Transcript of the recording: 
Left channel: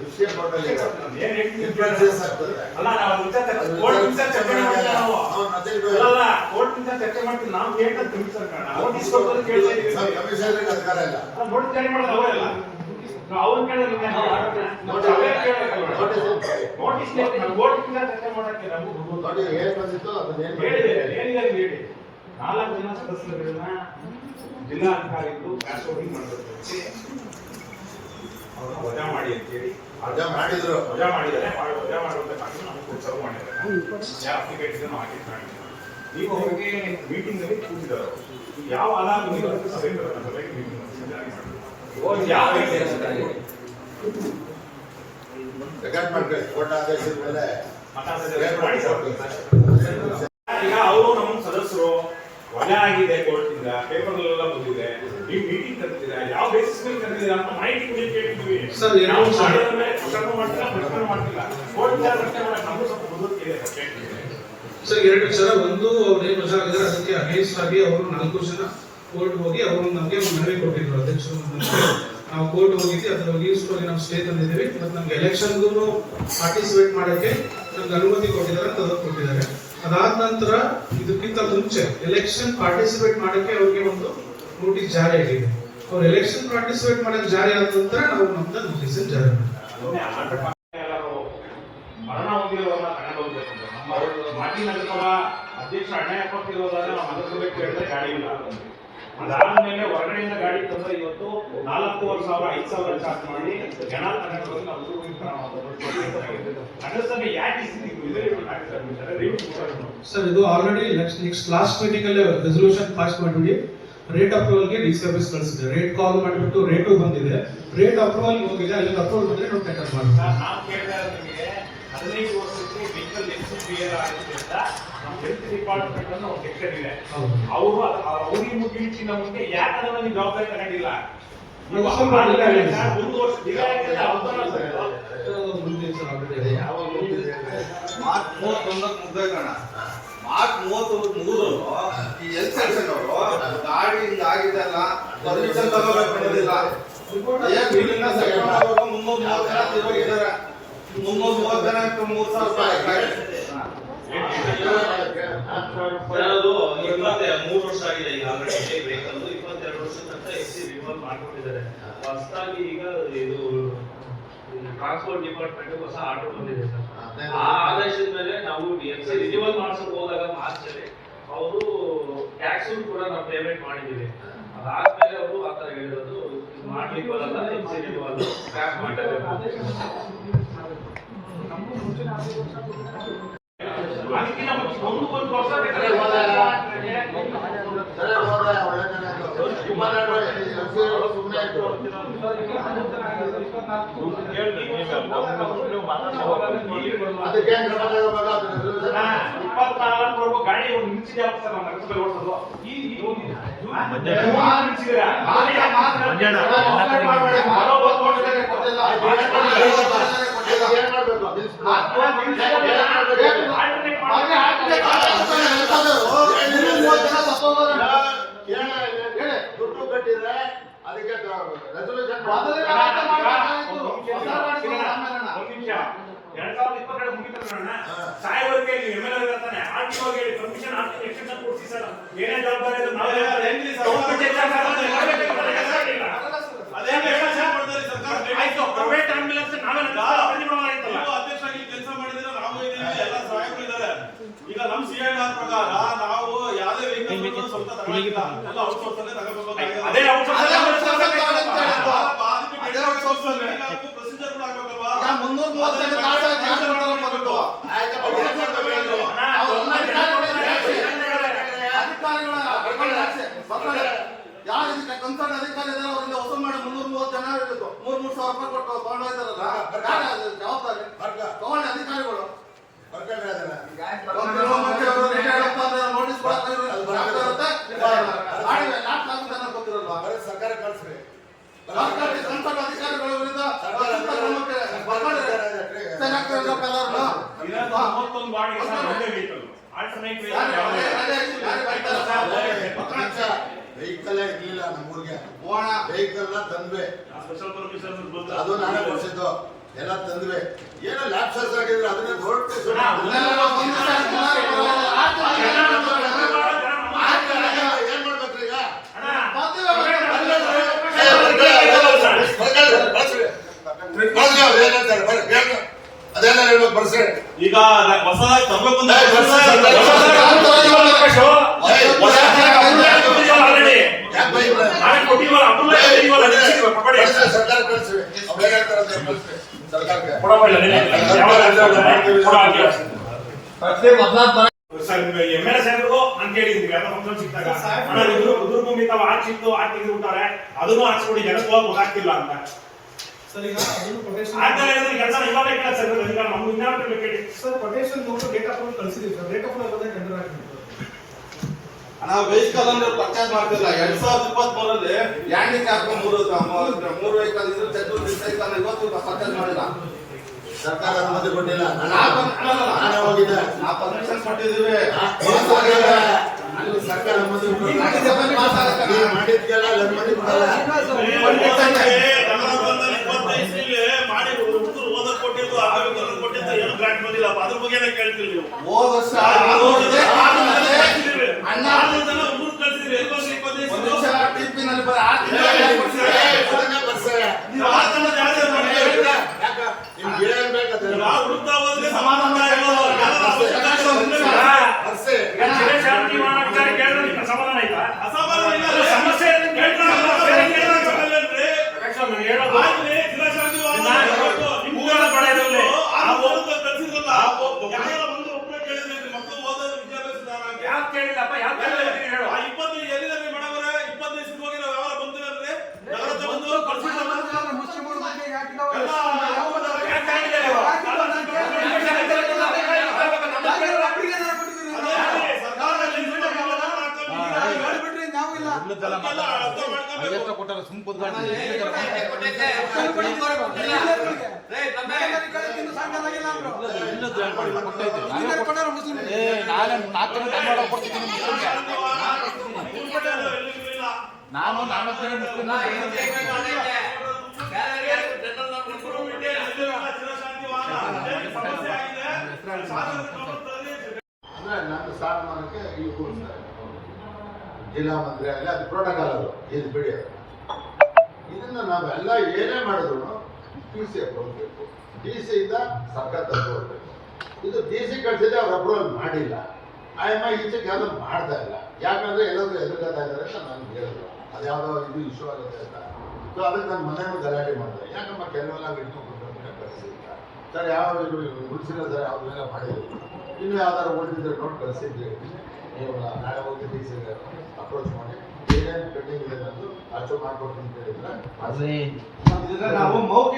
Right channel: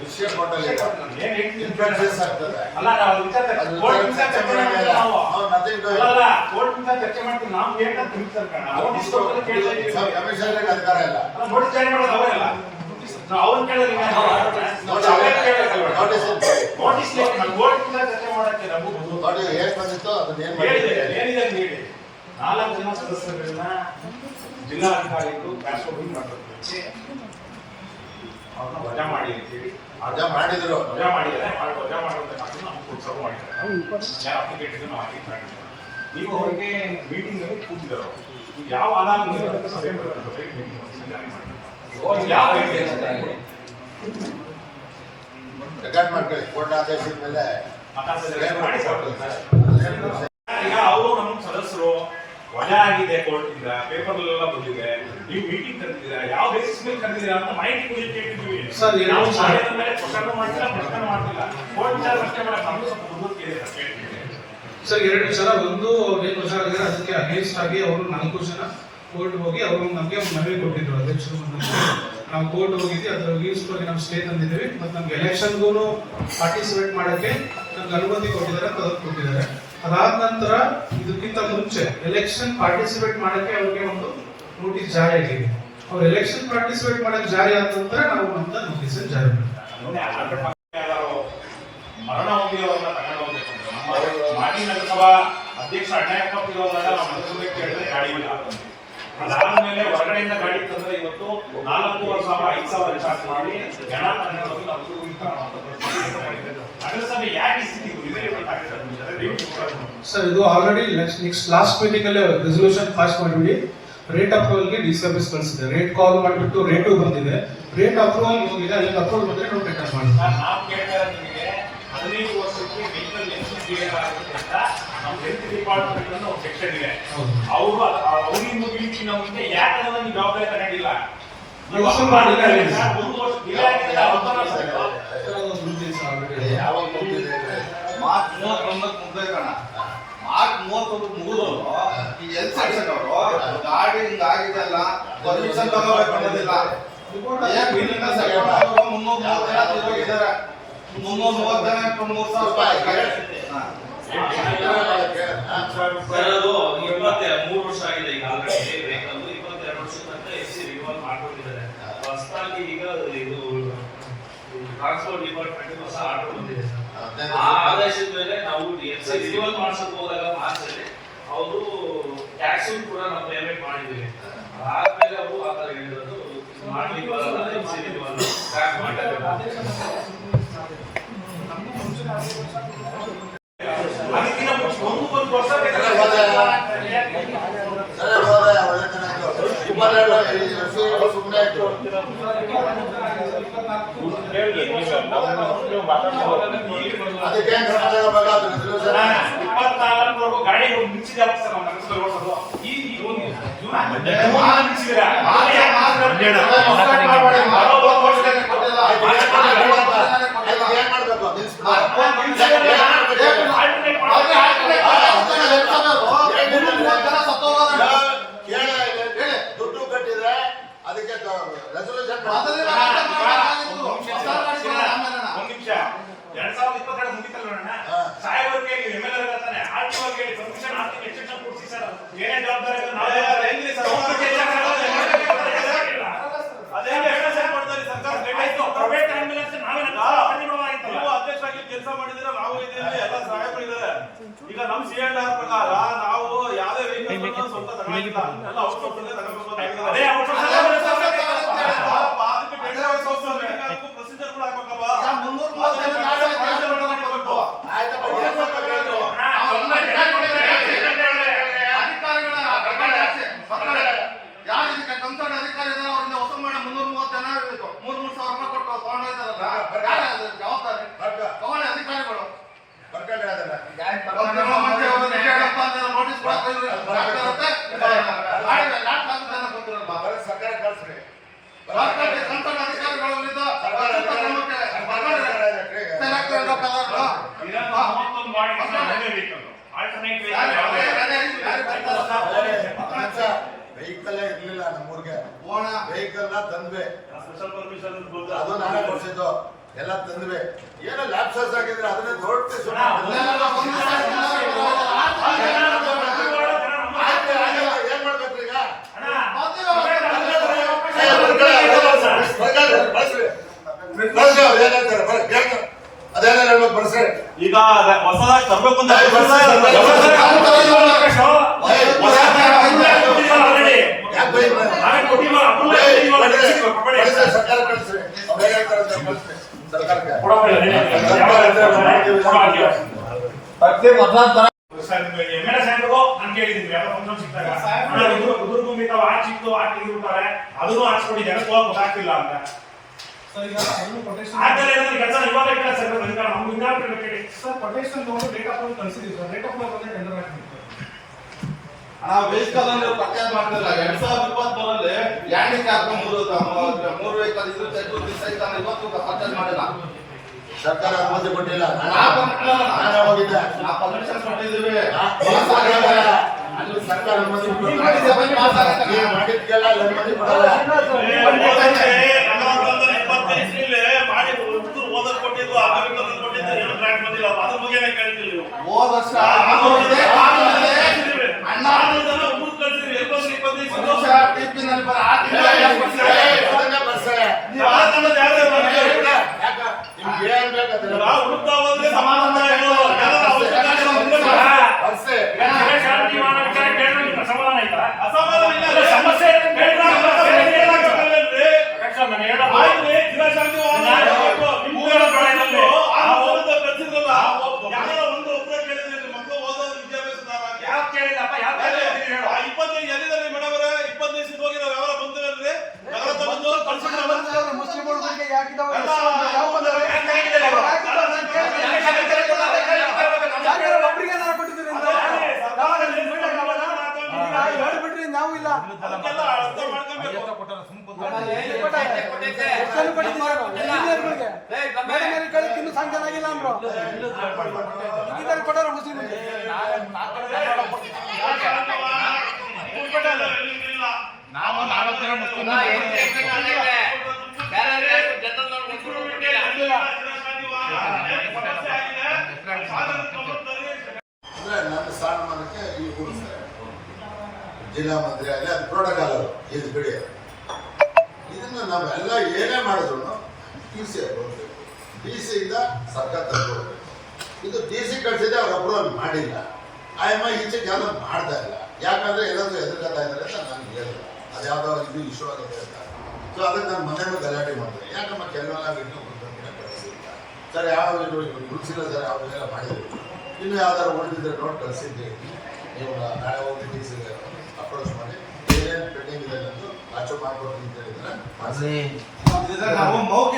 ವಿಷಯ ಟೋಟಲ್ ಇದೆ. ಅಲ್ಲ ನಾವು ಚರ್ಚೆ ಮಾಡ್ತೀವಿ. ನಾವು ನೋಟಿಸ್ ಅಧಿಕಾರ ಇಲ್ಲ. ನೋಟಿಸ್ ಜಾರಿ ಮಾಡೋದು ಅವರಲ್ಲ. ಅವ್ರನ್ನ ಕೇಳಿದ್ರೆ ಚರ್ಚೆ ಮಾಡಕ್ಕೆ ಏನ್ ಬಂದಿತ್ತು ಅದನ್ನ ಏನಿದೆ ಹೇಳಿ. 4 ಜನ ಸದಸ್ಯರುಗಳನ್ನ ಜಿಲ್ಲಾಧಿಕಾರಿಗಳು ಕ್ಯಾಶೋಟಿಂಗ್ ಮಾಡಬೇಕು, ಅವ್ರನ್ನ ವಜಾ ಮಾಡಿ ಅಂತೇಳಿ ವಜಾ ಮಾಡಿದ್ರು. ವಜಾ ಮಾಡಿದ್ದಾರೆ. ವಜಾ ಮಾಡುವಂತ ನಮ್ಗೆ ಉತ್ಸವ ಮಾಡಿದ್ದಾರೆ. ಅಪ್ಲಿಕೇಶನ್ ನಾವು ಹಾಕಿ ಮಾಡಿದ್ದಾರೆ. ನೀವು ಅವರಿಗೆ ಮೀಟಿಂಗ್ ಅಲ್ಲಿ ಕೂತಿದ್ದಾರೆ. ಯಾವ ಆಧಾರ ಮೀಟಿಂಗ್ ರೆಕಾರ್ಡ್ ಮಾಡ್ಕೊಳ್ಳಿ. ಕೋರ್ಟ್ ಆದೇಶದ ಮೇಲೆ ಈಗ ಅವರು ನಮ್ಮ ಸದಸ್ಯರು ವಜಾ ಆಗಿದೆ ಕೋರ್ಟ್ ಇಂದ, ಪೇಪರ್ ಎಲ್ಲ ಬಂದಿದೆ, ನೀವು ಮೀಟಿಂಗ್ ಕರೆದಿದ್ದೀರಾ, ಯಾವ ಬೇಸಿಸ್ ಮೇಲೆ ಕರೆದಿದ್ದೀರಾ ಅಂತ ಮಾಹಿತಿ ಕೇಳಿದ್ದೀವಿ. ನಾವು ಮಾಡಿದ ಮೇಲೆ ಪ್ರಕರಣ ಮಾಡ್ತಿಲ್ಲ, ಪ್ರಶ್ನೆ ಮಾಡ್ತಿಲ್ಲ. ಕೋರ್ಟ್ ಪ್ರಶ್ನೆ ಮಾಡಿ ನಮಗೂ ಸ್ವಲ್ಪ ಬುದ್ಧಿ ಇದೆ ಸರ್. 2 ಸಲ ಒಂದು ಅದಕ್ಕೆ ಅಗೇನ್ಸ್ಟ್ ಆಗಿ ಅವರು 4 ಜನ ಕೋರ್ಟ್ ಹೋಗಿ ಅವರು ನಮಗೆ ಮನವಿ ಕೊಟ್ಟಿದ್ರು. ಅಧ್ಯಕ್ಷರು ನಾವು ಕೋರ್ಟ್ ಹೋಗಿದ್ವಿ, ಅದರ ಈಸ್ವಾಗಿ ನಾವು ಸ್ಟೇ ತಂದಿದ್ದೇವೆ. ಮತ್ತು ನಮ್ಗೆ ಎಲೆಕ್ಷನ್ಗೂ ಪಾರ್ಟಿಸಿಪೇಟ್ ಮಾಡೋಕ್ಕೆ ನಮ್ಗೆ ಅನುಮತಿ ಕೊಟ್ಟಿದ್ದಾರೆ, ತದಕ್ ಕೊಟ್ಟಿದ್ದಾರೆ. ಅದಾದ ನಂತರ ಇದಕ್ಕಿಂತ ಮುಂಚೆ ಎಲೆಕ್ಷನ್ ಪಾರ್ಟಿಸಿಪೇಟ್ ಮಾಡಕ್ಕೆ ಅವ್ರಿಗೆ ಒಂದು ನೋಟಿಸ್ ಜಾರಿ ಆಗಿದೆ. ಅವ್ರು ಎಲೆಕ್ಷನ್ ಪಾರ್ಟಿಸಿಪೇಟ್ ಮಾಡಕ್ಕೆ ಜಾರಿ ಆದ ನಂತರ ನಾವು ನಮ್ದು ನೋಟಿಸ್ ಜಾರಿ ಮಾಡಿದ್ವಿ. ಮರಣ ಹೊಂದಿರೋರನ್ನ ತಗೊಂಡು ಹೋಗ್ಬೇಕು ಅಂದ್ರೆ ನಮ್ಮ ಮಾಜಿ ನಗರಸಭಾ ಅಧ್ಯಕ್ಷ ಅಣ್ಣಯ್ಯಪ್ಪ ಇರೋದ್ರಾಗ ನಾವು ನಗರಸಭೆ ಕೇಳಿದ್ರೆ ಗಾಡಿ ಇಲ್ಲ. ಅದಾದ್ಮೇಲೆ ಹೊರಗಡೆಯಿಂದ ಗಾಡಿ ತಂದ್ರೆ ಇವತ್ತು 4,500 5,000 ಚಾರ್ಜ್ ಮಾಡಿ ಜನ ನಗರಸಭೆ ಯಾಕೆ ಸರ್ ಇದು ಆಲ್ರೆಡಿ ನೆಕ್ಸ್ಟ್ ಲಾಸ್ಟ್ ಮೀಟಿಂಗ್ ಅಲ್ಲಿ ರೆಸಲ್ಯೂಷನ್ ಪಾಸ್ ಮಾಡಿದ್ವಿ. ರೇಟ್ ಅಪ್ರೂವಲ್ ಗೆ ಡಿ ಸರ್ವಿಸ್ ಕಳಿಸಿದೆ. ರೇಟ್ ಕಾಲ್ ಮಾಡಿಬಿಟ್ಟು ರೇಟು ಬಂದಿದೆ, ರೇಟ್ ಅಪ್ರೂವಲ್ ಹೋಗಿದೆ. ಅಲ್ಲಿ ಅಪ್ರೂವಲ್ ಬಂದ್ರೆ ನಾವು ಟೇಕನ್ ಮಾಡ್ತೀವಿ. ನಾವು ಕೇಳ್ತಾ ನಿಮಗೆ 15 ವರ್ಷಕ್ಕೆ ವೆಹಿಕಲ್ ಎಕ್ಸಿಡೆಂಟ್ ಬೇರೆ ಆಗಿದೆ ಅಂತ ನಮ್ಮ ಹೆಲ್ತ್ ಡಿಪಾರ್ಟ್ಮೆಂಟ್ ಅನ್ನೋ ಒಂದು ಸೆಕ್ಷನ್ ಇದೆ. ಅವರು ಅವರಿಗೆ ಮುಗಿಲಿಕ್ಕೆ ನಮಗೆ ಯಾಕೆ ಅದನ್ನ ನೀವು ಜವಾಬ್ದಾರಿ ತಗೊಂಡಿಲ್ಲ? ನೀವು ಒಂದು ವರ್ಷ ಡಿಲೇ ಆಗಿದೆ. ಯಾವಾಗ ಮಾರ್ಚ್ 31 ಮುಗ್ದೋಣ. ಮಾರ್ಚ್ 31 ಮುಗಿದು ಈ ಹೆಲ್ತ್ ಸೆಕ್ಷನ್ ಅವರು ಗಾಡಿ ಹಿಂಗಾಗಿದೆ ಅಲ್ಲ, ಪರ್ಮಿಷನ್ ತಗೋಬೇಕು ಅನ್ನೋದಿಲ್ಲ. ಏನ್ ಮೀಟಿಂಗ್ 330 ಜನ ತಿರುಗಿದ್ದಾರೆ. 330 ಜನಕ್ಕೆ 3,000 ರೂಪಾಯಿ. 3 ವರ್ಷ ಆಗಿದೆ. ಈಗ 22 ವರ್ಷ ತನಕ ಎಸ್ಸಿ ರಿವಾಲ್ವ್ ಮಾಡ್ಕೊಂಡಿದ್ದಾರೆ. ಹೊಸದಾಗಿ ಈಗ ಇದು ಟ್ರಾನ್ಸ್ಪೋರ್ಟ್ ಡಿಪಾರ್ಟ್ಮೆಂಟ್ ಹೊಸ ಆರ್ಡರ್ ಬಂದಿದೆ. ಆ ಆದೇಶದ ಮೇಲೆ ನಾವು ಎಸ್ಸಿ ರಿವಾಲ್ವ್ ಮಾಡ್ಸಕ್ ಹೋದಾಗ ಮಾತ್ರ ಅವರು ಟ್ಯಾಕ್ಸ್ ಕೂಡ ನಾವು ಪೇಮೆಂಟ್ ಮಾಡಿದ್ದೀವಿ. ಆದ್ಮೇಲೆ ಅವರು ಆ ತರ ಹೇಳಿರೋದು ಮಾಡ್ಲಿಕ್ಕೆ ಬರಲ್ಲ, ಎಸ್ಸಿ ರಿವಾಲ್ವ್ ಟ್ಯಾಕ್ಸ್ ಮಾಡಬೇಕು. ಅದಕ್ಕಿಂತ ಮುಂಚೆ ಒಂದು ವರ್ಷ ಸುಮ್ಮನೆ ಆಯ್ತು. 24 ಗಾಡಿ ಮಿಂಚಿದೆ ಸರ್. ನಮ್ಮ ನಗರಸಭೆ ಓಡಿಸೋದು ಈ ದುಡ್ಡು ಕಟ್ಟಿದ್ರೆ ಅದಕ್ಕೆ ರೆಸಲ್ಯೂಷನ್ 2022 ಮುಗಿತಲ್ಲ ಸಾಹೇಬರಿಗೆ ನೀವು MLA ಬರ್ತಾನೆ RTO ಗೆ ಪರ್ಮಿಷನ್ ಆರ್ಟಿಕಲ್ ಎಕ್ಸ್ಟೆನ್ಷನ್ ಕೊಡ್ಸಿ ಸರ್. ಏನೇ ಜವಾಬ್ದಾರಿ ಇದೆ ನಾವು ಏನ್ರಿ ಸರ್ ಅದೇನು ಎಕ್ಸ್ಟೆನ್ಷನ್ ಮಾಡ್ತಾರೆ ಸರ್ಕಾರ. ಆಯ್ತು, ಪ್ರೈವೇಟ್ ಆಂಬ್ಯುಲೆನ್ಸ್ ನಾವೆಲ್ಲ ಪರಿಣಾಮವಾಗಿತ್ತಲ್ಲ. ನೀವು ಅಧ್ಯಕ್ಷರಾಗಿ ಕೆಲಸ ಮಾಡಿದ್ರೆ ನಾವು ಇದ್ದೀವಿ, ಎಲ್ಲ ಸಾಹೇಬರು ಇದ್ದಾರೆ. ಈಗ ನಮ್ಮ CNR ಪ್ರಕಾರ ನಾವು ಯಾವುದೇ ವೆಹಿಕಲ್ ಸ್ವಂತ ತಗೊಳ್ಳಿಲ್ಲ, ಎಲ್ಲ ಔಟ್ಸೋರ್ಸ್ ಅಲ್ಲೇ ತಗೋಬೇಕಾಗಿದೆ. ಅದೇ ಔಟ್ಸೋರ್ಸ್ ಪ್ರೊಸೀಜರ್ ಕೂಡ ಆಗ್ಬೇಕಲ್ವಾ? 330 ಜನ ಆಯ್ತಪ್ಪ. ಯಾರು ಇದಕ್ಕೆ ಕನ್ಸರ್ನ್ ಅಧಿಕಾರಿ ಇದ್ದಾರೆ ಅವರಿಂದ ವಸೂಲು ಮಾಡಿ 330 ಜನ ಇರಬೇಕು. 3,000 ರೂಪಾಯಿ ಕೊಟ್ಟು ತಗೊಂಡೋಗಿದ್ದಾರಲ್ಲ, ಜವಾಬ್ದಾರಿ ತಗೊಂಡು ಅಧಿಕಾರಿಗಳು ನೋಟಿಸ್ ಸರ್ಕಾರ ಕಳಿಸ್ರಿ. ಕನ್ಸರ್ನ್ ಅಧಿಕಾರಿಗಳ ವಿರುದ್ಧ 31 ಮಾಡಿ ವೆಹಿಕಲ್ ಇರ್ಲಿಲ್ಲ ನಮ್ಮೂರ್ಗೆ. ವೆಹಿಕಲ್ ನ ತಂದ್ವಿ. ಸ್ಪೆಷಲ್ ಪರ್ಮಿಷನ್ ಅದು ನಾನೇ ಕೊಡ್ಸಿದ್ದು ಎಲ್ಲ ತಂದ್ವಿ ಏನೋ ಲ್ಯಾಪ್ಸಸ್ ಆಗಿದ್ರೆ ಅದನ್ನ ದೊಡ್ಡ ಏನ್ ಮಾಡ್ಬೇಕ್ರಿ ಈಗ ಅದೆಲ್ಲ ಹೇಳ್ಬೇಕು ಬರ್ಸ್ರಿ ಈಗ ಹೊಸದಾಗಿ ತರಬೇಕು ಅಂತ ಸರ್ಕಾರ ಕಳಿಸ್ರಿ ಅವ್ರು ಹೇಳ್ತಾರೆ ಸರ್ಕಾರಕ್ಕೆ ಎಮ್ಮೆಲೆ ಸೆಂಟ್ರಿಗೂ ಅಂತ ಹೇಳಿದ್ವಿ ಎಲ್ಲ ಫಂಕ್ಷನ್ ಸಿಕ್ತಾಗ ಕುದುರ್ ತುಂಬಿ ತಾವು ಆಚ್ ಸಿಕ್ತು ಆಚ್ ತೆಗೆದುಬಿಡ್ತಾರೆ ಅದನ್ನು ಹಾಕ್ಸ್ಕೊಡಿ ಜನಕ್ಕೆ ಹೋಗಿ ಗೊತ್ತಾಗ್ತಿಲ್ಲ ಅಂತ ಸರ್ ಈಗ ಅದನ್ನು ಕೊಟೇಶನ್ ಆದ್ಮೇಲೆ ಏನಾದ್ರು ಕೆಲಸ ಇವಾಗ ಸರ್ ನಮ್ಗೆ ಇನ್ನಾದ್ರು ಬೇಕಾಗಿ ಸರ್ ಕೊಟೇಶನ್ ನೋಡಿ ಡೇಟ್ ಆಫ್ ಬರ್ತ್ ಕಳಿಸಿದ್ವಿ ಸರ್ ಡೇಟ್ ಆಫ್ ಬರ್ತ್ ಬಂದ್ರೆ ಟೆಂಡರ್ ಹಾಕಿ ನಾವು ವೆಹಿಕಲ್ ಅನ್ನು ಪರ್ಚೇಸ್ ಮಾಡ್ತಿಲ್ಲ 2023 ಹ್ಯಾಂಡಿಕ್ಯಾಪ್ ಮೂರು ವೆಹಿಕಲ್ ಇದ್ರು ಚಕ್ರ ಸೈಕಲ್ ಇವತ್ತು ಪರ್ಚೇಸ್ ಮಾಡಿಲ್ಲ ಸರ್ಕಾರ ಅನುಮತಿ ಕೊಟ್ಟಿಲ್ಲ ನಾನೇ ಹೋಗಿದ್ದೆ ನಾ ಪರ್ಮಿಷನ್ ಕೊಟ್ಟಿದ್ದೀವಿ ಅಲ್ಲಿ ಸರ್ಕಾರ ಅನುಮತಿ ನೀವು ಮಾಡಿದ್ಕೆಲ್ಲ ಅನುಮತಿ ಕೊಡಲ್ಲ ಮಾಡಿ ಓದಕ್ ಕೊಟ್ಟಿದ್ದು ಕೊಟ್ಟಿದ್ದು ಏನು ಗ್ರಾಂಟ್ ಬಂದಿಲ್ಲ ಅದ್ರ ಬಗ್ಗೆ ಕೇಳ್ತಿಲ್ಲ ನೀವು ಹೋದ ವರ್ಷ ಟಿಪಿನಲ್ಲಿ ನಿಮ್ಗೆ ಏನ್ ಬೇಕಾದ್ರೆ ನಾವು ಹುಡುಕ್ತಾ ಹೋದ್ರೆ ಸಮಾಧಾನ ಸಮಾಧಾನ ಆಯ್ತಾ ಅಸಮಾಧಾನ ಇಲ್ಲ ಸಮಸ್ಯೆ ನಾವು 4 ಜನ ಮುಸ್ಲಿಂ ಅಂದ್ರೆ ನನ್ನ ಸ್ಥಾನಮಾನಕ್ಕೆ ಇಲ್ಲಿ ಕೂರಿಸ್ತಾರೆ ಜಿಲ್ಲಾ ಮಂತ್ರಿ ಆಗಲಿ ಅದು ಪ್ರೋಟೋಕಾಲ್ ಅದು ಇದು ಬಿಡಿ ಇದನ್ನ ನಾವೆಲ್ಲ ಏನೇ ಮಾಡಿದ್ರು ಟಿ ಸಿ ಹೋಗ್ಬೇಕು ಡಿ ಸಿ ಇಂದ ಸರ್ಕಾರ ತಗೋಬೇಕು ಇದು ಡಿ ಸಿ ಕಳಿಸಿದ್ರೆ ಅವ್ರ ಅಪ್ರೂವಲ್ ಮಾಡಿಲ್ಲ ಆಯಮ್ಮ ಈಚೆಗೆ ಯಾವ್ದು ಮಾಡ್ತಾ ಇಲ್ಲ ಯಾಕಂದ್ರೆ ಎಲ್ಲರೂ ಎದುರ್ಕೊತಾ ಇದ್ದಾರೆ ಅಂತ ನನಗೆ ಹೇಳಿದ್ರು ಅದು ಯಾವುದೋ ಇದು ಇಶ್ಯೂ ಆಗುತ್ತೆ ಅಂತ ಸೊ ಅದಕ್ಕೆ ನಾನು ಮನೆ ಗಲಾಟೆ ಮಾಡಿದೆ ಯಾಕಮ್ಮ ಕೆಲವೆಲ್ಲ ಇನ್ನೂ ಕಳಿಸಿಲ್ಲ ಸರ್ ಯಾವ ಗುರುಸಿಲ್ಲ ಸರ್ ಅವೆಲ್ಲ ಮಾಡಿದ್ವಿ ಇನ್ನು ಯಾವ್ದಾರು ಉಳಿದಿದ್ರೆ ನೋಡಿ ಕಳಿಸಿದ್ವಿ ನೀವು ನಾಳೆ ಹೋಗಿ ಡಿ ಸಿಗೆ ಅಪ್ರೋಚ್ ಮಾಡಿ ಏನೇನು ಪೆಂಡಿಂಗ್ ಇದೆ ಅನ್ನೋದು ಅಚ್ಚು ಮಾಡ್ಕೊಡ್ತೀನಿ ಅಂತ ಹೇಳಿದ್ರೆ ನಾವು ಮೌಖಿಕ